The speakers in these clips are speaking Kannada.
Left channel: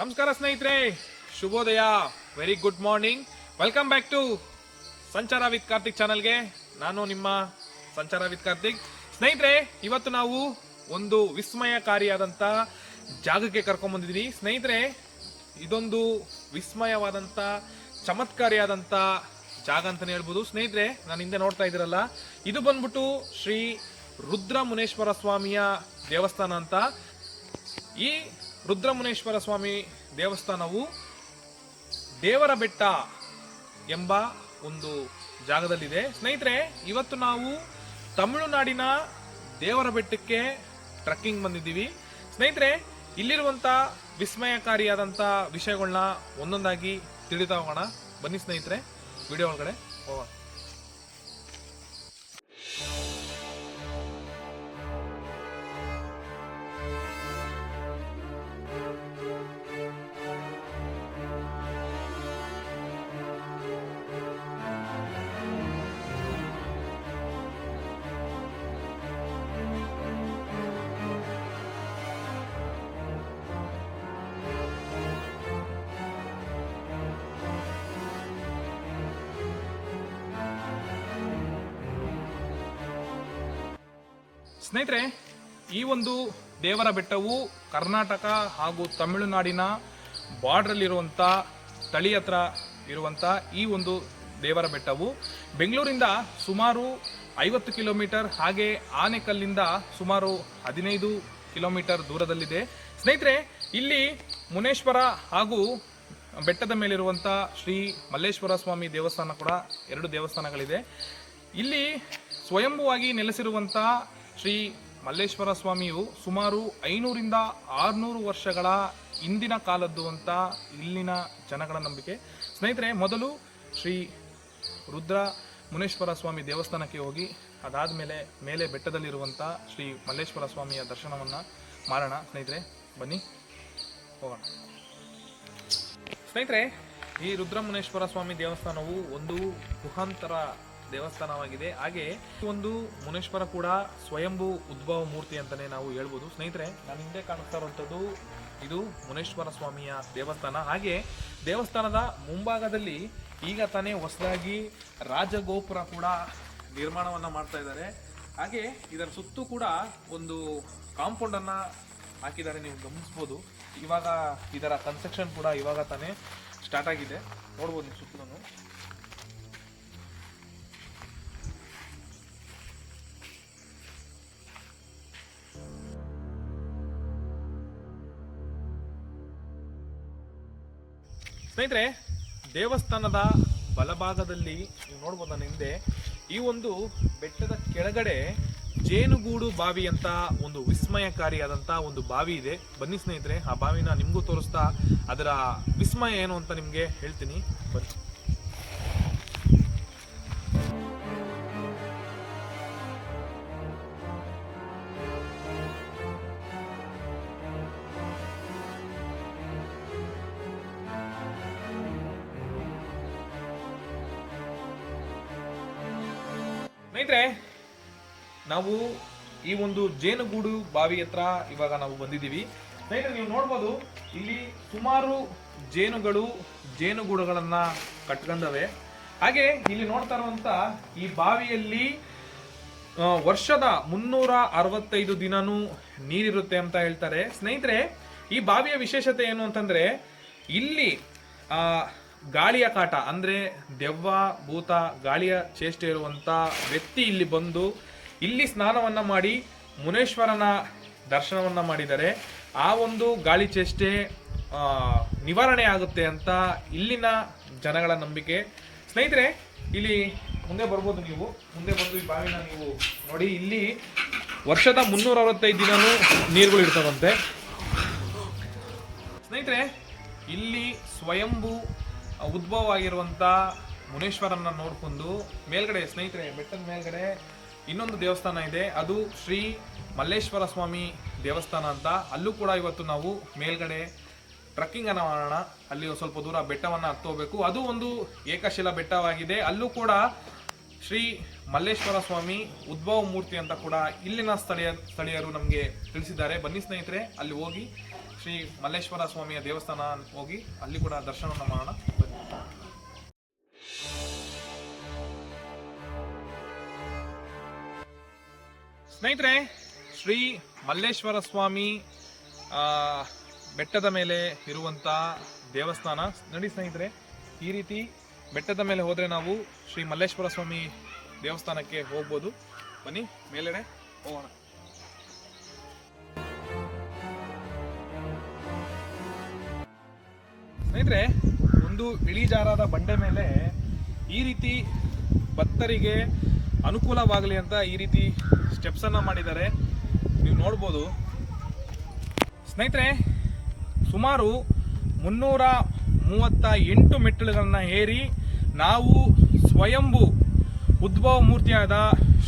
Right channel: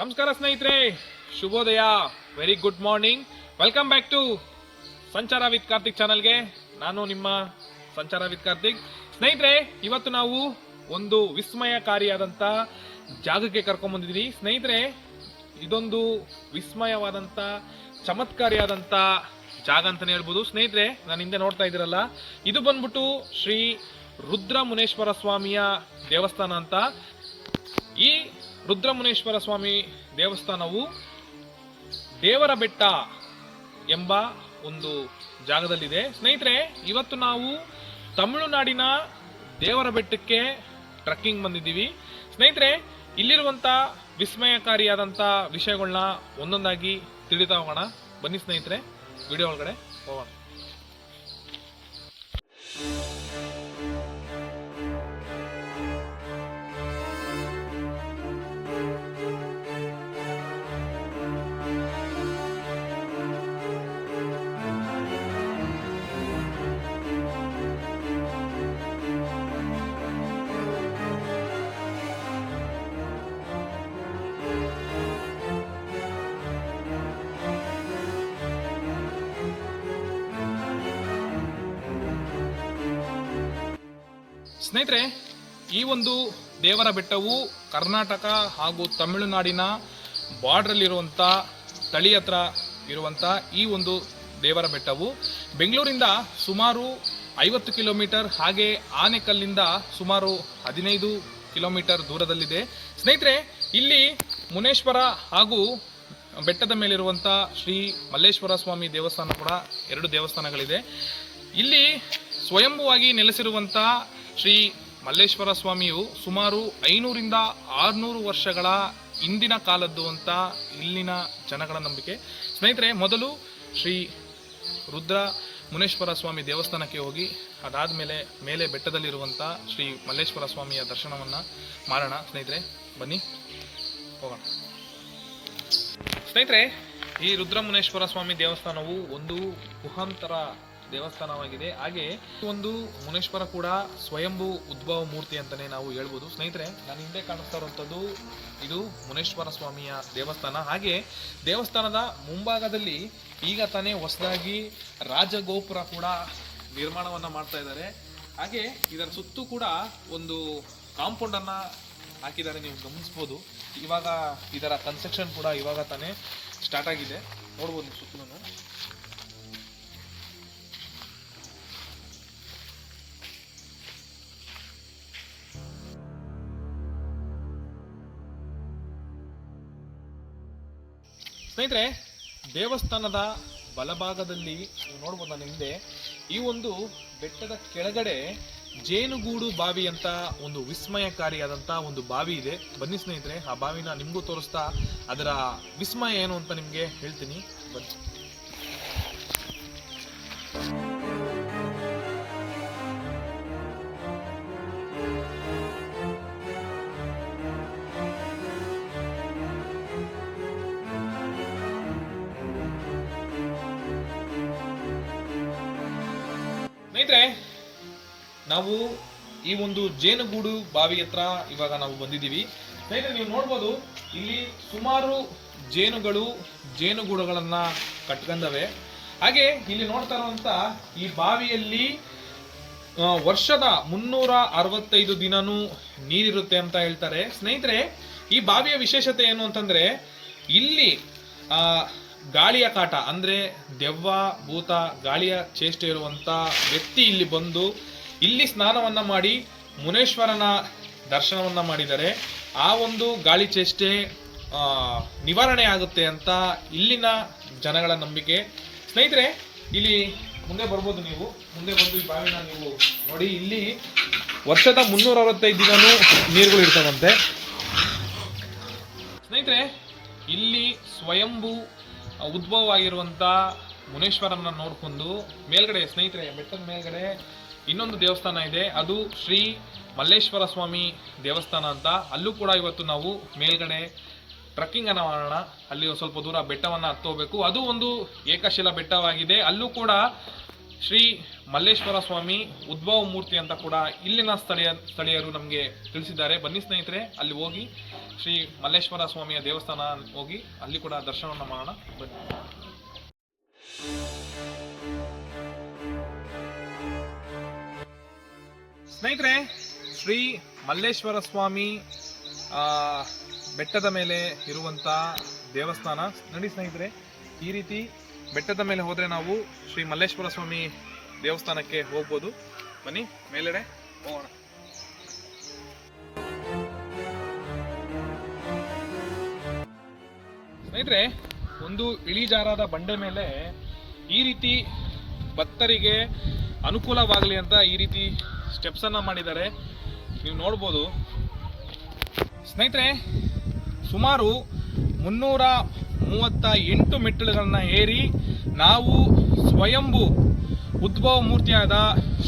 ನಮಸ್ಕಾರ ಸ್ನೇಹಿತರೆ, ಶುಭೋದಯ, very good morning. Welcome back to Sanchara with Karthik ಚಾನಲ್ಗೆ. ನಾನು ನಿಮ್ಮ ಸಂಚಾರ ವಿತ್ ಕಾರ್ತಿಕ್. ಸ್ನೇಹಿತರೆ, ಇವತ್ತು ನಾವು ಒಂದು ವಿಸ್ಮಯಕಾರಿಯಾದಂಥ ಜಾಗಕ್ಕೆ ಕರ್ಕೊಂಡ್ಬಂದಿದ್ದೀವಿ. ಸ್ನೇಹಿತರೆ, ಇದೊಂದು ವಿಸ್ಮಯವಾದಂಥ ಚಮತ್ಕಾರಿಯಾದಂಥ ಜಾಗ ಅಂತಲೇ ಹೇಳ್ಬೋದು. ಸ್ನೇಹಿತರೆ, ನಾನು ಹಿಂದೆ ನೋಡ್ತಾ ಇದ್ದೀರಲ್ಲ, ಇದು ಬಂದ್ಬಿಟ್ಟು ಶ್ರೀ ರುದ್ರಮುನೇಶ್ವರ ಸ್ವಾಮಿಯ ದೇವಸ್ಥಾನ ಅಂತ. ಈ ರುದ್ರಮುನೇಶ್ವರ ಸ್ವಾಮಿ ದೇವಸ್ಥಾನವು ದೇವರ ಬೆಟ್ಟ ಎಂಬ ಒಂದು ಜಾಗದಲ್ಲಿದೆ. ಸ್ನೇಹಿತರೆ, ಇವತ್ತು ನಾವು ತಮಿಳುನಾಡಿನ ದೇವರ ಬೆಟ್ಟಕ್ಕೆ ಟ್ರಕ್ಕಿಂಗ್ ಬಂದಿದ್ದೀವಿ. ಸ್ನೇಹಿತರೆ, ಇಲ್ಲಿರುವಂಥ ವಿಸ್ಮಯಕಾರಿಯಾದಂಥ ವಿಷಯಗಳನ್ನ ಒಂದೊಂದಾಗಿ ತಿಳಿತಾ ಹೋಗೋಣ. ಬನ್ನಿ ಸ್ನೇಹಿತರೆ, ವಿಡಿಯೋ ಒಳಗಡೆ ಹೋಗೋಣ. ಸ್ನೇಹಿತರೆ, ಈ ಒಂದು ದೇವರ ಬೆಟ್ಟವು ಕರ್ನಾಟಕ ಹಾಗೂ ತಮಿಳುನಾಡಿನ ಬಾರ್ಡ್ರಲ್ಲಿರುವಂಥ ತಳಿ ಹತ್ರ ಇರುವಂಥ ಈ ಒಂದು ದೇವರ ಬೆಟ್ಟವು ಬೆಂಗಳೂರಿಂದ ಸುಮಾರು 50 ಕಿಲೋಮೀಟರ್, ಹಾಗೆ ಆನೆಕಲ್ಲಿಂದ ಸುಮಾರು 15 ಕಿಲೋಮೀಟರ್ ದೂರದಲ್ಲಿದೆ. ಸ್ನೇಹಿತರೆ, ಇಲ್ಲಿ ಮುನೇಶ್ವರ ಹಾಗೂ ಬೆಟ್ಟದ ಮೇಲಿರುವಂಥ ಶ್ರೀ ಮಲ್ಲೇಶ್ವರ ಸ್ವಾಮಿ ದೇವಸ್ಥಾನ ಕೂಡ 2 ದೇವಸ್ಥಾನಗಳಿದೆ. ಇಲ್ಲಿ ಸ್ವಯಂಭುವಾಗಿ ನೆಲೆಸಿರುವಂಥ ಶ್ರೀ ಮಲ್ಲೇಶ್ವರ ಸ್ವಾಮಿಯು ಸುಮಾರು 500ರಿಂದ 600 ವರ್ಷಗಳ ಹಿಂದಿನ ಕಾಲದ್ದು ಅಂತ ಇಲ್ಲಿನ ಜನಗಳ ನಂಬಿಕೆ. ಸ್ನೇಹಿತರೆ, ಮೊದಲು ಶ್ರೀ ರುದ್ರ ಮುನೇಶ್ವರ ಸ್ವಾಮಿ ದೇವಸ್ಥಾನಕ್ಕೆ ಹೋಗಿ ಅದಾದಮೇಲೆ ಮೇಲೆ ಬೆಟ್ಟದಲ್ಲಿರುವಂಥ ಶ್ರೀ ಮಲ್ಲೇಶ್ವರ ಸ್ವಾಮಿಯ ದರ್ಶನವನ್ನು ಮಾಡೋಣ. ಸ್ನೇಹಿತರೆ, ಬನ್ನಿ ಹೋಗೋಣ. ಸ್ನೇಹಿತರೆ, ಈ ರುದ್ರಮುನೇಶ್ವರ ಸ್ವಾಮಿ ದೇವಸ್ಥಾನವು ಒಂದು ಗುಹಾಂತರ ದೇವಸ್ಥಾನವಾಗಿದೆ. ಹಾಗೆ ಒಂದು ಮುನೇಶ್ವರ ಕೂಡ ಸ್ವಯಂಭೂ ಉದ್ಭವ ಮೂರ್ತಿ ಅಂತಲೇ ನಾವು ಹೇಳ್ಬೋದು. ಸ್ನೇಹಿತರೆ, ನಾನು ಹಿಂದೆ ಕಾಣಿಸ್ತಾ ಇರುವಂಥದ್ದು ಇದು ಮುನೇಶ್ವರ ಸ್ವಾಮಿಯ ದೇವಸ್ಥಾನ. ಹಾಗೆ ದೇವಸ್ಥಾನದ ಮುಂಭಾಗದಲ್ಲಿ ಈಗ ತಾನೇ ಹೊಸದಾಗಿ ರಾಜಗೋಪುರ ಕೂಡ ನಿರ್ಮಾಣವನ್ನು ಮಾಡ್ತಾ ಇದ್ದಾರೆ. ಹಾಗೆ ಇದರ ಸುತ್ತೂ ಕೂಡ ಒಂದು ಕಾಂಪೌಂಡನ್ನು ಹಾಕಿದ್ದಾರೆ, ನೀವು ಗಮನಿಸ್ಬೋದು. ಇವಾಗ ಇದರ ಕನ್ಸ್ಟ್ರಕ್ಷನ್ ಕೂಡ ಇವಾಗ ತಾನೇ ಸ್ಟಾರ್ಟ್ ಆಗಿದೆ, ನೋಡ್ಬೋದು ನೀವು ಸುತ್ತಲೂ. ಸ್ನೇಹಿತರೆ, ದೇವಸ್ಥಾನದ ಬಲಭಾಗದಲ್ಲಿ ನೀವು ನೋಡ್ಬೋದು, ನನ್ನ ಹಿಂದೆ ಈ ಒಂದು ಬೆಟ್ಟದ ಕೆಳಗಡೆ ಜೇನುಗೂಡು ಬಾವಿ ಅಂತ ಒಂದು ವಿಸ್ಮಯಕಾರಿಯಾದಂಥ ಒಂದು ಬಾವಿ ಇದೆ. ಬನ್ನಿ ಸ್ನೇಹಿತರೆ, ಆ ಬಾವಿನ ನಿಮಗೂ ತೋರಿಸ್ತಾ ಅದರ ವಿಸ್ಮಯ ಏನು ಅಂತ ನಿಮಗೆ ಹೇಳ್ತೀನಿ. ಬನ್ನಿ. ಸ್ನೇಹಿತರೆ, ನಾವು ಈ ಒಂದು ಜೇನುಗೂಡು ಬಾವಿ ಹತ್ರ ಇವಾಗ ನಾವು ಬಂದಿದ್ದೀವಿ. ಸ್ನೇಹಿತರೆ, ನೀವು ನೋಡ್ಬೋದು, ಇಲ್ಲಿ ಸುಮಾರು ಜೇನುಗೂಡುಗಳನ್ನು ಕಟ್ಕೊಂಡವೆ. ಹಾಗೆ ಇಲ್ಲಿ ನೋಡ್ತಾ ಇರುವಂಥ ಈ ಬಾವಿಯಲ್ಲಿ ವರ್ಷದ 365 ದಿನನೂ ನೀರಿರುತ್ತೆ ಅಂತ ಹೇಳ್ತಾರೆ. ಸ್ನೇಹಿತರೆ, ಈ ಬಾವಿಯ ವಿಶೇಷತೆ ಏನು ಅಂತಂದರೆ, ಇಲ್ಲಿ ಗಾಳಿಯ ಕಾಟ ಅಂದರೆ ದೆವ್ವ ಭೂತ ಗಾಳಿಯ ಚೇಷ್ಟೆ ಇರುವಂಥ ವ್ಯಕ್ತಿ ಇಲ್ಲಿ ಬಂದು ಇಲ್ಲಿ ಸ್ನಾನವನ್ನು ಮಾಡಿ ಮುನೇಶ್ವರನ ದರ್ಶನವನ್ನು ಮಾಡಿದರೆ ಆ ಒಂದು ಗಾಳಿ ಚೇಷ್ಟೆ ನಿವಾರಣೆ ಆಗುತ್ತೆ ಅಂತ ಇಲ್ಲಿನ ಜನಗಳ ನಂಬಿಕೆ. ಸ್ನೇಹಿತರೆ, ಇಲ್ಲಿ ಮುಂದೆ ಬರ್ಬೋದು, ನೀವು ಮುಂದೆ ಬಂದು ಈ ಬಾವಿನ ನೀವು ನೋಡಿ. ಇಲ್ಲಿ ವರ್ಷದ 365 ದಿನನೂ ನೀರುಗಳು ಇರ್ತದಂತೆ. ಸ್ನೇಹಿತರೆ, ಇಲ್ಲಿ ಸ್ವಯಂಭೂ ಉದ್ಭವ ಆಗಿರುವಂಥ ಮುನೇಶ್ವರನ ನೋಡ್ಕೊಂಡು ಮೇಲ್ಗಡೆ, ಸ್ನೇಹಿತರೆ, ಬೆಟ್ಟದ ಮೇಲ್ಗಡೆ ಇನ್ನೊಂದು ದೇವಸ್ಥಾನ ಇದೆ, ಅದು ಶ್ರೀ ಮಲ್ಲೇಶ್ವರ ಸ್ವಾಮಿ ದೇವಸ್ಥಾನ ಅಂತ. ಅಲ್ಲೂ ಕೂಡ ಇವತ್ತು ನಾವು ಮೇಲ್ಗಡೆ ಟ್ರಕ್ಕಿಂಗನ್ನು ಮಾಡೋಣ. ಅಲ್ಲಿ ಸ್ವಲ್ಪ ದೂರ ಬೆಟ್ಟವನ್ನು ಹತ್ತೋಬೇಕು. ಅದು ಒಂದು ಏಕಶಿಲಾ ಬೆಟ್ಟವಾಗಿದೆ. ಅಲ್ಲೂ ಕೂಡ ಶ್ರೀ ಮಲ್ಲೇಶ್ವರ ಸ್ವಾಮಿ ಉದ್ಭವ ಮೂರ್ತಿ ಅಂತ ಕೂಡ ಇಲ್ಲಿನ ಸ್ಥಳೀಯರು ನಮಗೆ ತಿಳಿಸಿದ್ದಾರೆ. ಬನ್ನಿ ಸ್ನೇಹಿತರೆ, ಅಲ್ಲಿ ಹೋಗಿ ಶ್ರೀ ಮಲ್ಲೇಶ್ವರ ಸ್ವಾಮಿಯ ದೇವಸ್ಥಾನ ಹೋಗಿ ಅಲ್ಲಿ ಕೂಡ ದರ್ಶನವನ್ನು ಮಾಡೋಣ ಬನ್ನಿ. ಸ್ನೇಹಿತರೆ, ಶ್ರೀ ಮಲ್ಲೇಶ್ವರ ಸ್ವಾಮಿ ಬೆಟ್ಟದ ಮೇಲೆ ಇರುವಂಥ ದೇವಸ್ಥಾನ ನೋಡಿ ಸ್ನೇಹಿತರೆ. ಈ ರೀತಿ ಬೆಟ್ಟದ ಮೇಲೆ ಹೋದರೆ ನಾವು ಶ್ರೀ ಮಲ್ಲೇಶ್ವರ ಸ್ವಾಮಿ ದೇವಸ್ಥಾನಕ್ಕೆ ಹೋಗ್ಬೋದು. ಬನ್ನಿ ಮೇಲೆಡೆ ಹೋಗೋಣ. ಸ್ನೇಹಿತರೆ, ಒಂದು ಇಳಿಜಾರಾದ ಬಂಡೆ ಮೇಲೆ ಈ ರೀತಿ ಭಕ್ತರಿಗೆ ಅನುಕೂಲವಾಗಲಿ ಅಂತ ಈ ರೀತಿ ಸ್ಟೆಪ್ಸನ್ನು ಮಾಡಿದ್ದಾರೆ, ನೀವು ನೋಡ್ಬೋದು. ಸ್ನೇಹಿತರೆ, ಸುಮಾರು 338 ಮೆಟ್ಟಿಲುಗಳನ್ನು ಏರಿ ನಾವು ಸ್ವಯಂಭೂ ಉದ್ಭವ ಮೂರ್ತಿಯಾದ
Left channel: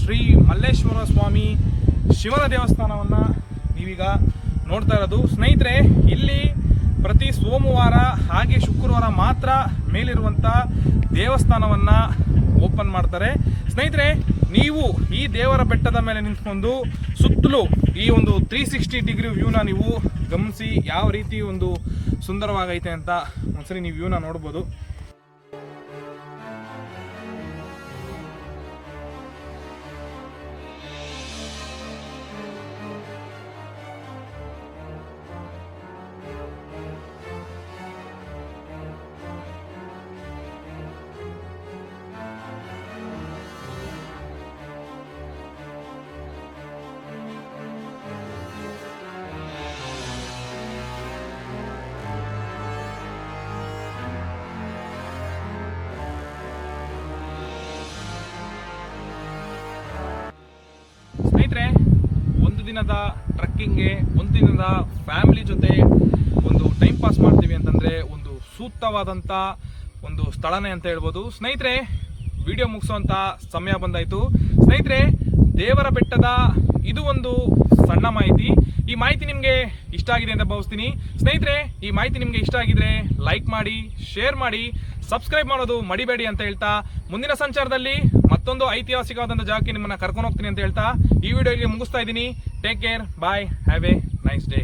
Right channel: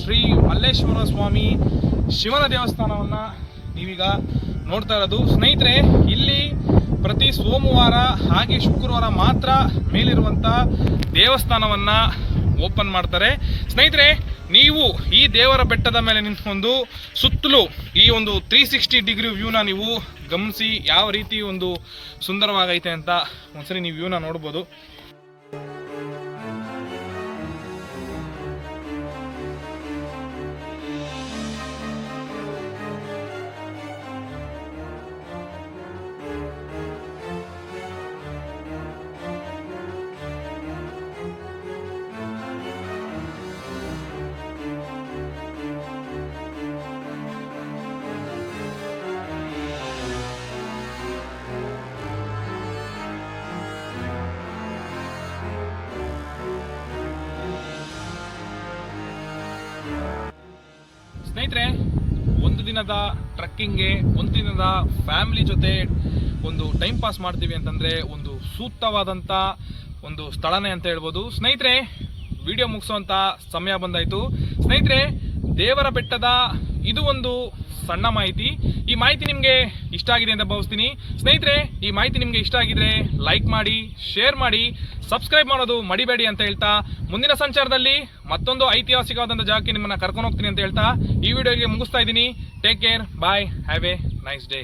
ಶ್ರೀ ಮಲ್ಲೇಶ್ವರ ಸ್ವಾಮಿ ಶಿವನ ದೇವಸ್ಥಾನವನ್ನು ನೀವೀಗ ನೋಡ್ತಾ ಇರೋದು. ಸ್ನೇಹಿತರೆ, ಇಲ್ಲಿ ಪ್ರತಿ ಸೋಮವಾರ ಹಾಗೆ ಶುಕ್ರವಾರ ಮಾತ್ರ ಮೇಲಿರುವಂಥ ದೇವಸ್ಥಾನವನ್ನು ಓಪನ್ ಮಾಡ್ತಾರೆ. ಸ್ನೇಹಿತರೆ, ನೀವು ಈ ದೇವರ ಬೆಟ್ಟದ ಮೇಲೆ ನಿಂತ್ಕೊಂಡು ಸುತ್ತಲೂ ಈ ಒಂದು 360 ಡಿಗ್ರಿ ವ್ಯೂನ ನೀವು ಗಮನಿಸಿ ಯಾವ ರೀತಿ ಒಂದು ಸುಂದರವಾಗೈತೆ ಅಂತ ಒಂದ್ಸರಿ ನೀವು ವ್ಯೂನ ನೋಡ್ಬೋದು. ಸ್ನೇಹಿತರೆ, ಒಂದು ದಿನದ ಟ್ರಕ್ಕಿಂಗ್ಗೆ, ಒಂದು ದಿನದ ಫ್ಯಾಮಿಲಿ ಜೊತೆ ಒಂದು ಟೈಮ್ ಪಾಸ್ ಮಾಡ್ತೀವಿ ಅಂತಂದರೆ ಒಂದು ಸೂಕ್ತವಾದಂಥ ಒಂದು ಸ್ಥಳನೇ ಅಂತ ಹೇಳ್ಬೋದು. ಸ್ನೇಹಿತರೆ, ವಿಡಿಯೋ ಮುಗಿಸೋವಂಥ ಸಮಯ ಬಂದಾಯಿತು. ಸ್ನೇಹಿತರೆ, ದೇವರ ಬೆಟ್ಟದ ಇದು ಒಂದು ಸಣ್ಣ ಮಾಹಿತಿ. ಈ ಮಾಹಿತಿ ನಿಮಗೆ ಇಷ್ಟ ಆಗಿದೆ ಅಂತ ಭಾವಿಸ್ತೀನಿ. ಸ್ನೇಹಿತರೆ, ಈ ಮಾಹಿತಿ ನಿಮಗೆ ಇಷ್ಟ ಆಗಿದ್ರೆ ಲೈಕ್ ಮಾಡಿ, ಶೇರ್ ಮಾಡಿ, ಸಬ್ಸ್ಕ್ರೈಬ್ ಮಾಡೋದು ಮಡಿಬೇಡಿ ಅಂತ ಹೇಳ್ತಾ, ಮುಂದಿನ ಸಂಚಾರದಲ್ಲಿ ಮತ್ತೊಂದು ಐತಿಹಾಸಿಕವಾದಂಥ ಜಾಗಕ್ಕೆ ನಿಮ್ಮನ್ನು ಕರ್ಕೊಂಡು ಹೋಗ್ತೀನಿ ಅಂತ ಹೇಳ್ತಾ ಈ ವಿಡಿಯೋಗೆ ಮುಗಿಸ್ತಾ ಇದ್ದೀನಿ. Take care, bye, have a nice day.